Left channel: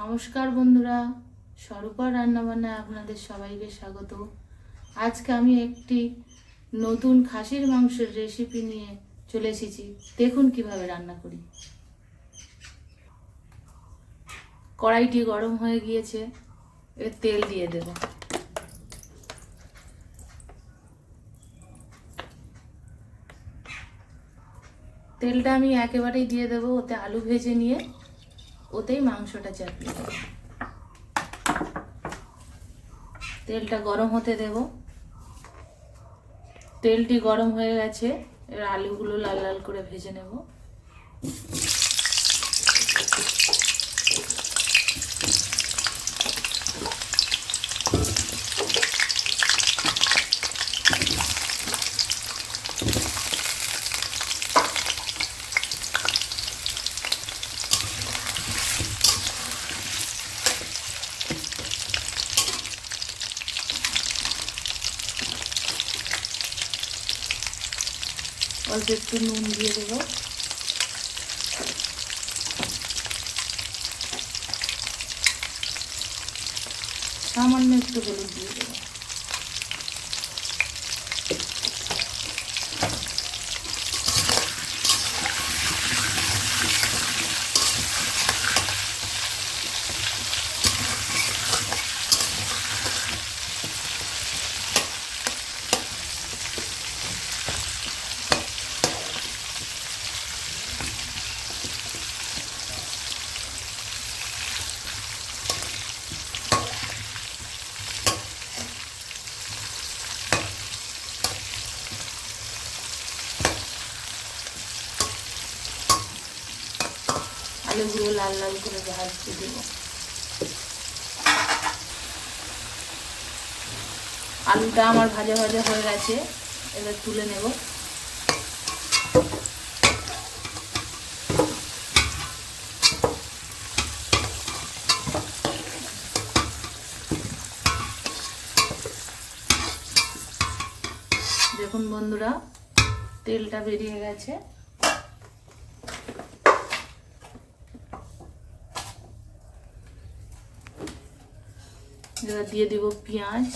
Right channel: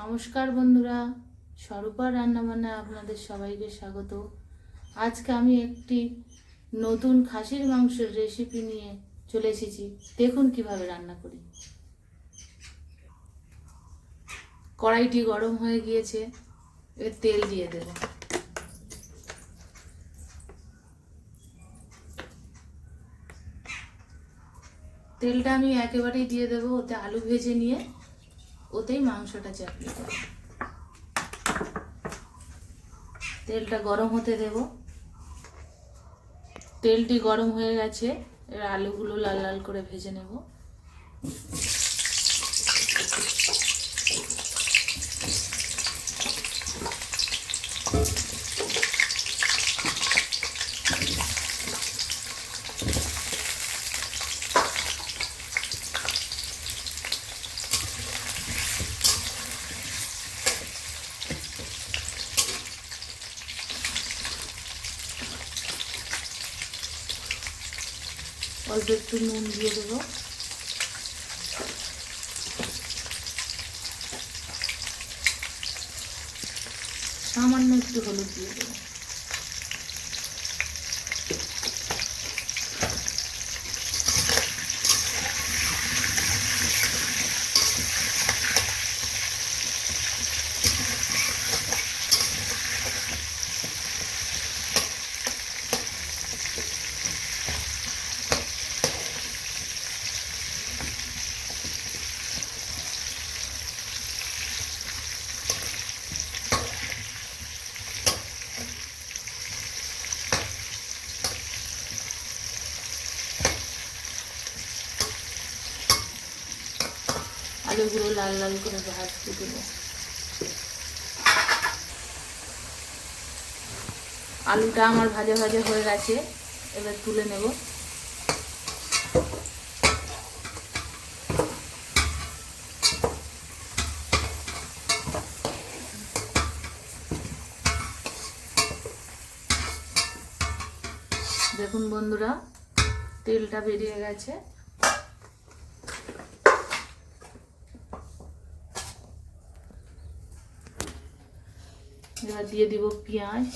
নমস্কার বন্ধুরা, স্বরূপা রান্নাবান্নায় আপনাদের সবাইকে স্বাগত। আজকে আমি একটি নতুন খাসির মাংসের রেসিপি নিয়ে চলে এসেছি। দেখুন কিভাবে রান্না করি। কড়াইটি গরম হয়ে গিয়েছে, এর তেল দিয়ে দেব। তেলটা আমি একেবারেই দিয়ে দেবো, ওতে আলু ভেজে নিয়ে ওতেই মাংসটা চাপিয়ে দেবো। তেলটা গরম হতে দেব। তেলটি গরম হয়ে গেছে, এবার আলুগুলো লাল লাল করে ভেজে নেব। অল্প একটু নুন দিয়ে দেবো। সামান্য একটু হলুদ দিয়ে দেবো। আলুগুলো লাল লাল করে ভাজতে দেবো। আলুটা আমার ভাজা ভাজা হয়ে গেছে, এবার তুলে নেব। দেখুন বন্ধুরা, তেলটা বেরিয়ে গেছে। এবার দিয়ে দিব পেঁয়াজ,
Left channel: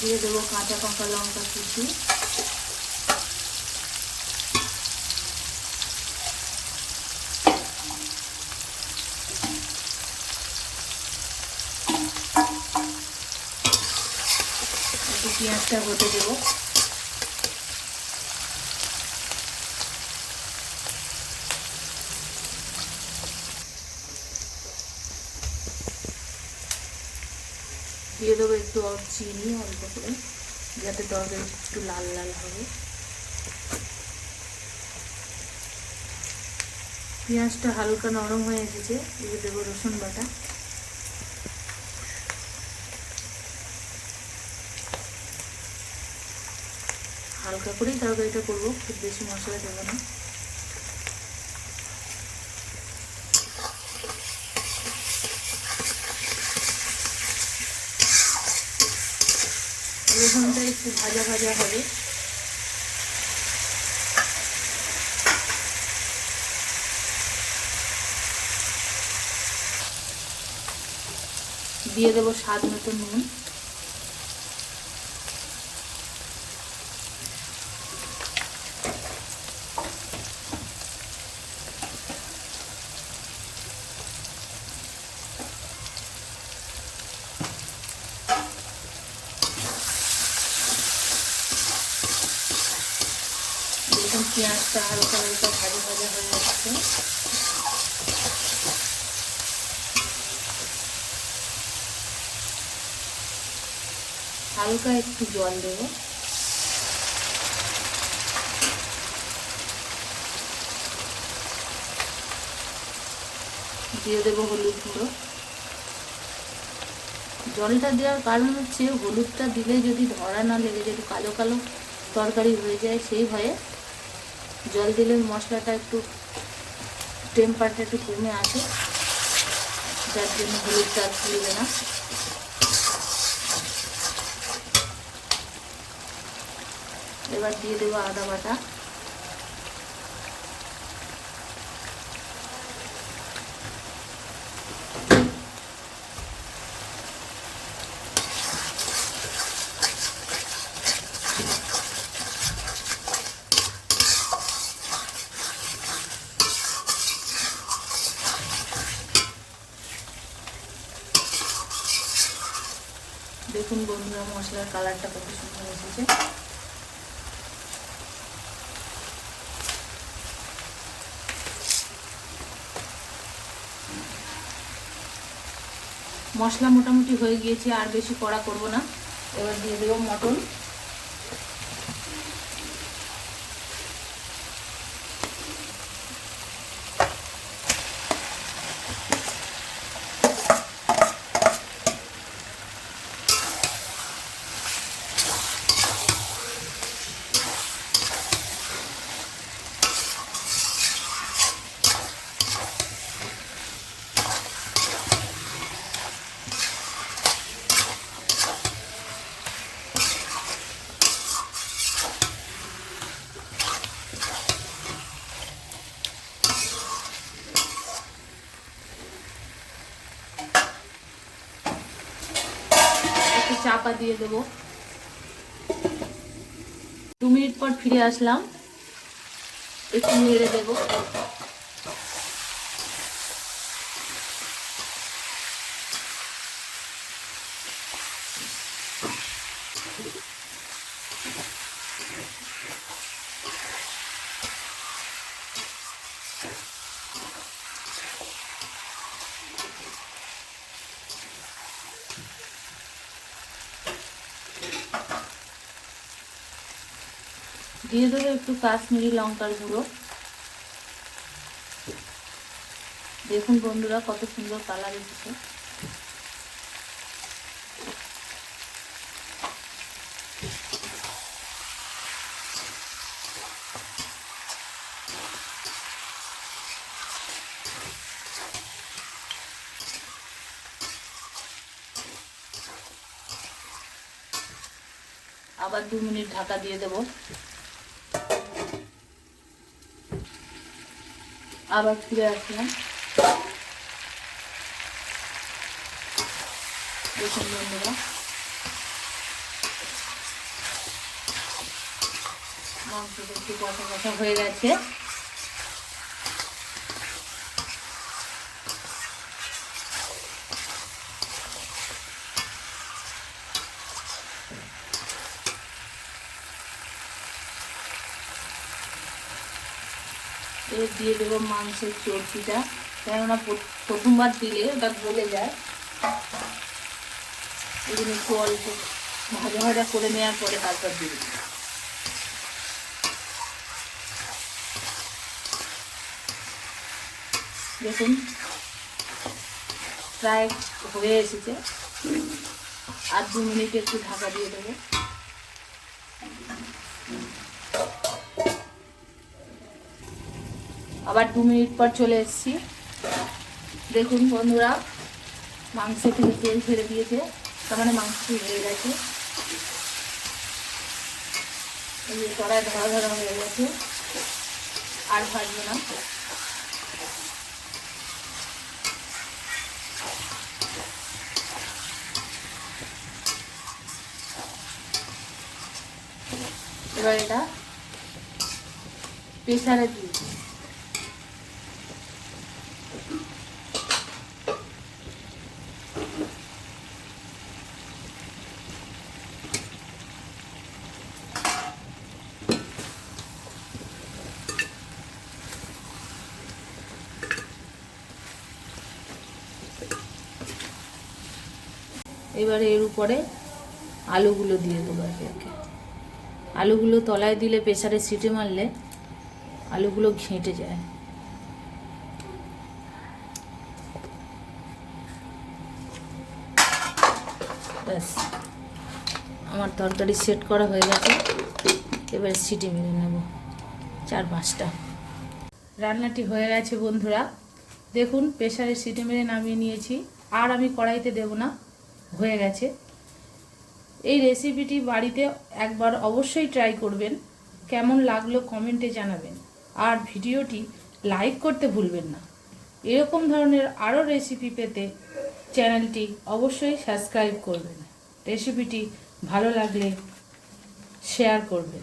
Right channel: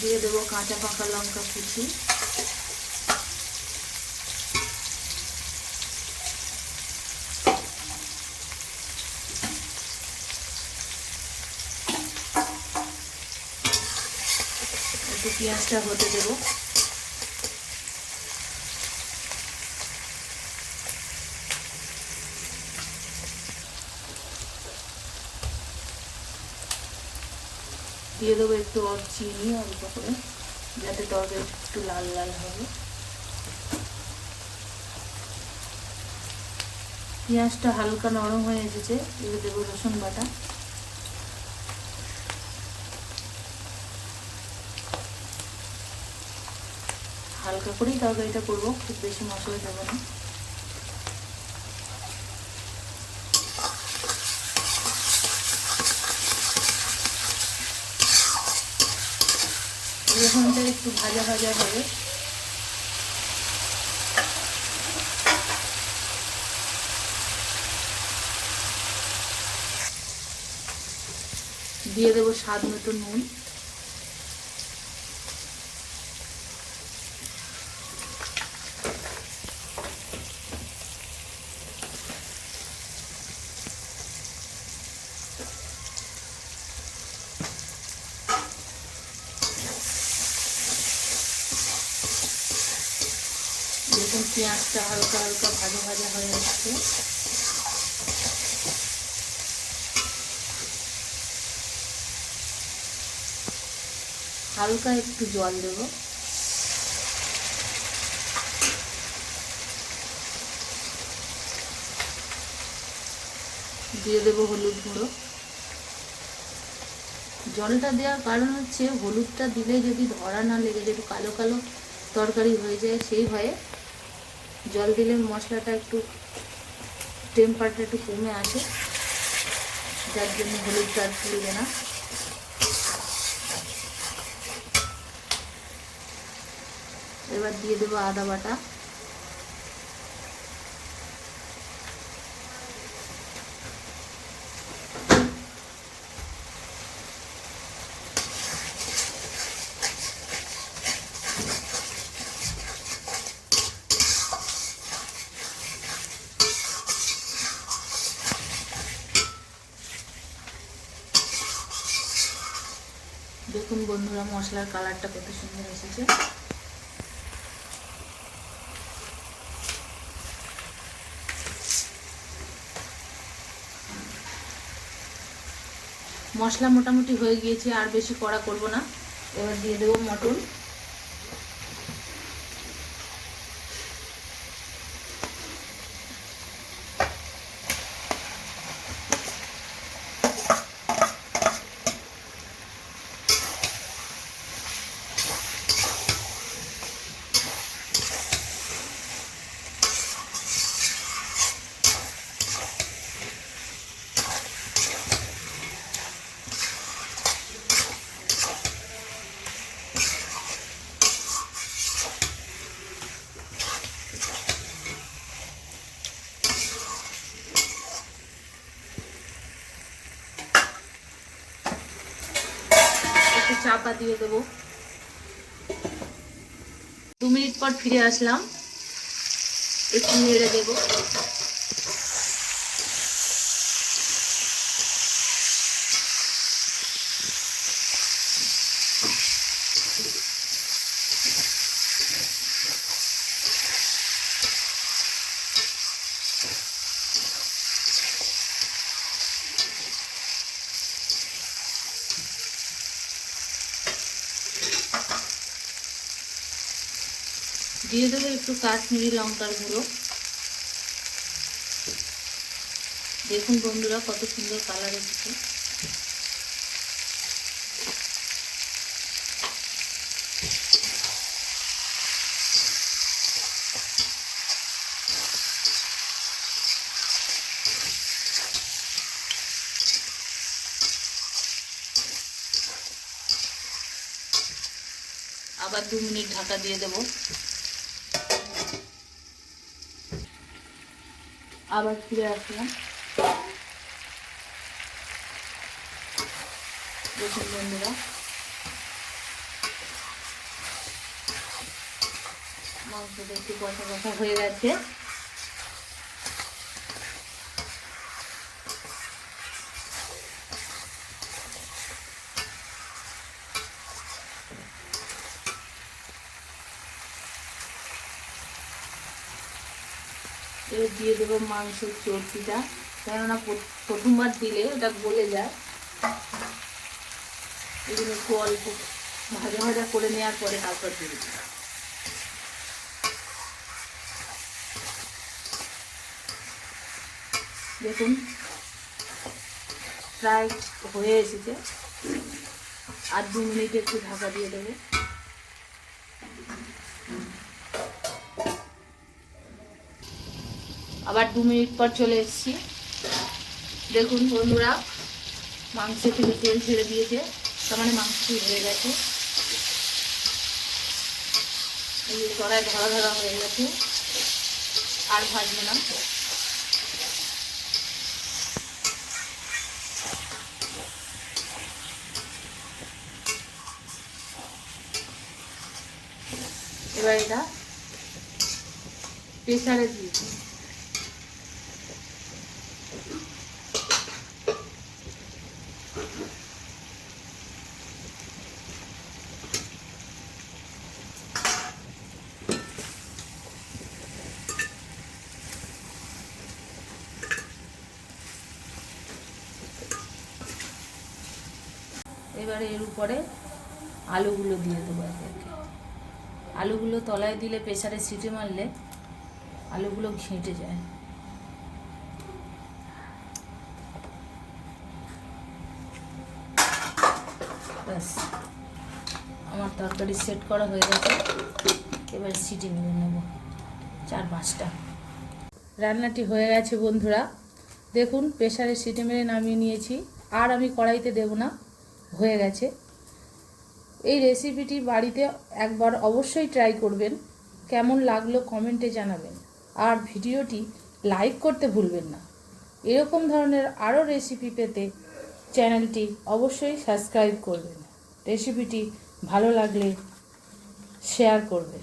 দিয়ে দেবো কাঁচা পাকা লঙ্কা কুচি, একটু পেঁয়াজটা হতে দেবো। দিয়ে দেবো একটু চিনি অল্প করে, যাতে তরকারি একটু লাল লাল হবে। পেঁয়াজটা হালকা নরম হয়ে এসেছে, দিয়ে দেবো রসুন বাটা। হালকা করেই তরকারিটা করবো, খুব বেশি মশলা দেবো না। রসুনটা একটু ভাজা ভাজা হবে। দিয়ে দেবো স্বাদ মতো নুন, দেখুন পেঁয়াজটা হালকা হালকা ভাজা ভাজা হয়ে যাচ্ছে। হালকা একটু জল দেবো। দিয়ে দেবো হলুদ গুঁড়ো। জলটা দেওয়ার কারণ হচ্ছে, হলুদটা দিলে যদি ধরা না লেগে যায়, একটু কালো কালো তরকারি হয়ে যায়, সেই ভয়ে জল দিলে মশলাটা একটু টেম্পারটা একটু কমে আসে, যার জন্য হলুদটা আর ফুলবে না। এবার দিয়ে দেবো আদা বাটা, দেখুন বন্ধুরা মশলার কালারটা কত সুন্দর এসেছে। মশলা মোটামুটি হয়ে গিয়েছে, আর বেশি কড়া করব না। এবার দিয়ে দেবো মটন। একটু চাপা দিয়ে দেবো। 2 মিনিট পর ফিরে আসলাম, একটু নেড়ে দেবো। দিয়ে দেবো একটু কাশ্মীরি লঙ্কার গুঁড়ো। দেখুন বন্ধুরা কত সুন্দর কালার এসেছে। আবার 2 মিনিট ঢাকা দিয়ে দেবো। আবার ফিরে আসলাম। দেখুন বন্ধুরা মাংসটা একটু কষা কষা হয়ে গেছে। এবার দিয়ে দেবো মাংসের চর্বিটা, কেননা প্রথমবার দিলে ওটা গলে যায়। এগুলো একটু অল্প ভাজা ভাজা করে নেওয়ার পরে তারপর দিয়ে দেবো। দেখুন প্রায় হয়ে এসেছে, আর 2 মিনিট একটু ঢাকা দিয়ে দেবো। আবার 2 মিনিট পর চলে এসেছি। দেখুন বন্ধুরা মাংস থেকে তেল ছেড়ে দিয়েছে, তার মানে মাংসটি হয়ে গেছে। এই যে কড়াই ধরা ধরা হয়ে গেছে, আর ভাজবে না। এবার এটা প্রেসারে দিয়েছি। এবারে এর উপরে আলুগুলো দিয়ে দেবো একে একে। আলুগুলো তলায় দিলে প্রেসারে সিটি মারলে আলুগুলো ঘেঁটে যায়। ব্যাস আমার তরকারি সেট করা হয়ে গেছে। এবার সিটি মেরে নেব 4-5টা। রান্নাটি হয়ে গেছে বন্ধুরা, দেখুন প্রেসারে সিটি মেরে নামিয়ে নিয়েছি। আর আমি কড়াইতে দেব না, হয়ে গেছে। এই রেসিপিটি বাড়িতে একবার অবশ্যই ট্রাই করবেন। কেমন লাগলো কমেন্টে জানাবেন, আর ভিডিওটি লাইক করতে ভুলবেন না। এরকম ধরনের আরও রেসিপি পেতে চ্যানেলটি অবশ্যই সাবস্ক্রাইব করবেন। রেসিপিটি ভালো লাগলে শেয়ার করবেন।